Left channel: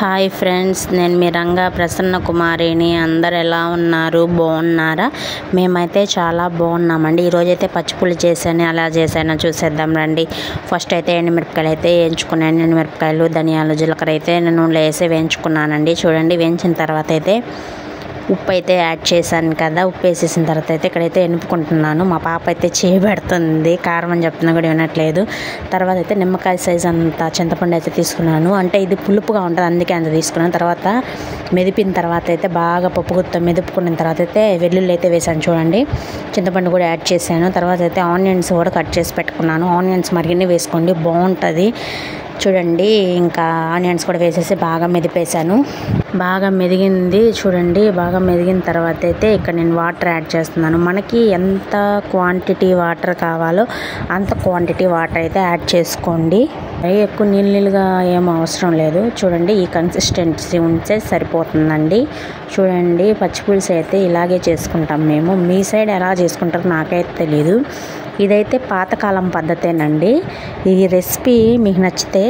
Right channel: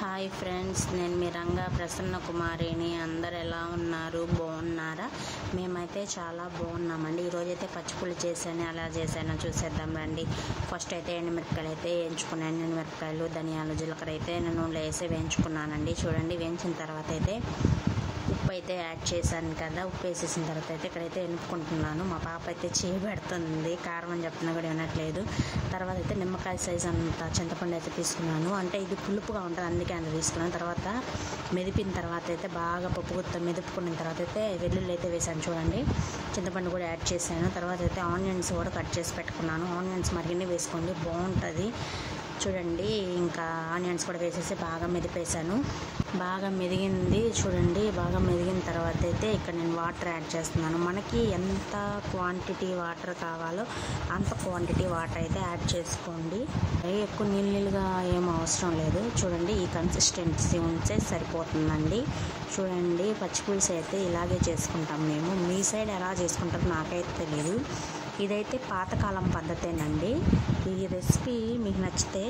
Hi friends, నేను మీ రంగా ప్రసన్న కుమారిని. అందరు ఎలా ఉన్నారు? బాగున్నారా? మేమైతే చాలా బాగున్నామండి. ఈరోజైతే పచ్చిపులు చేశాను. ఎలా చేశానో చూసేద్దాం రండి. ఫస్ట్ అయితే ఎండుమిరపకాయలు అయితే వేయించుకున్నాను. ఎండుమిరపకాయలు, ధనియాలు, జీలకర్ర అయితే నేను నూనెలో వేసి వేయించుకున్నానండి. చూడండి, వేయించిన తర్వాత అయితే ఉప్పు అయితే యాడ్ చేశాను కదా. ఉప్పు వేసేసిన తర్వాత అయితే ఇక్కడైతే ఎనుపుకుంటున్నాను. మా పాప అయితే చేయబెడుతుంది, కారం అని చెప్తున్నా కూడా వినట్లేదు. తర్వాత అయితే నిమ్మకాయ సైజ్ అంత చింతపండు అయితే తీసుకున్నాను. అంటే ఇది పులుపుగా ఉంటుంది, అందుకే అంత తీసుకున్నాను. తర్వాత మెదిపిన తర్వాత అయితే బాగా పప్పు గుత్త మెదుపుకున్న తర్వాత అయితే వెల్లుల్లి అయితే వేసాను. చూడండి, చింతపండు కూడా యాడ్ చేశాను. తర్వాత అయితే ఆనియన్స్ కూడా కట్ చేసి పెట్టుకున్నాను. ఆనియన్స్ మరిగిన్ని వేసుకోండి, బాగుంటుంది. చూడండి, ఇంకా ఆనియన్స్ కూడా వేసేసి బాగా మెదిపేశాను. బాగా మెదిగింది. చూడండి, బాగా మెదిగిన తర్వాత అయితే ఇక్కడ నేను వాటర్ యాడ్ చేస్తున్నాను. మనకి ఎంత క్వాంటిటీ వాటర్ కావాలో అంత క్వాంటిటీ వాటర్ అయితే యాడ్ చేసుకోండి. ఎక్కువ నీళ్ళుగా ఏం అవసరం లేదు. చూడండి, ఈ కన్సిస్టెన్సీ ఉంటే సరిపోతుందండి. చూడండి, పచ్చిపులుసు అయితే ఇలాగే చేసుకుంటాం మేము. మీ సైడ్ ఎలా చేసుకుంటారో నాకైతే తెలీదు. ఇదైతే పాతకాలం పద్ధతేనండి. ఈ రెసిపీ మీకు నచ్చితే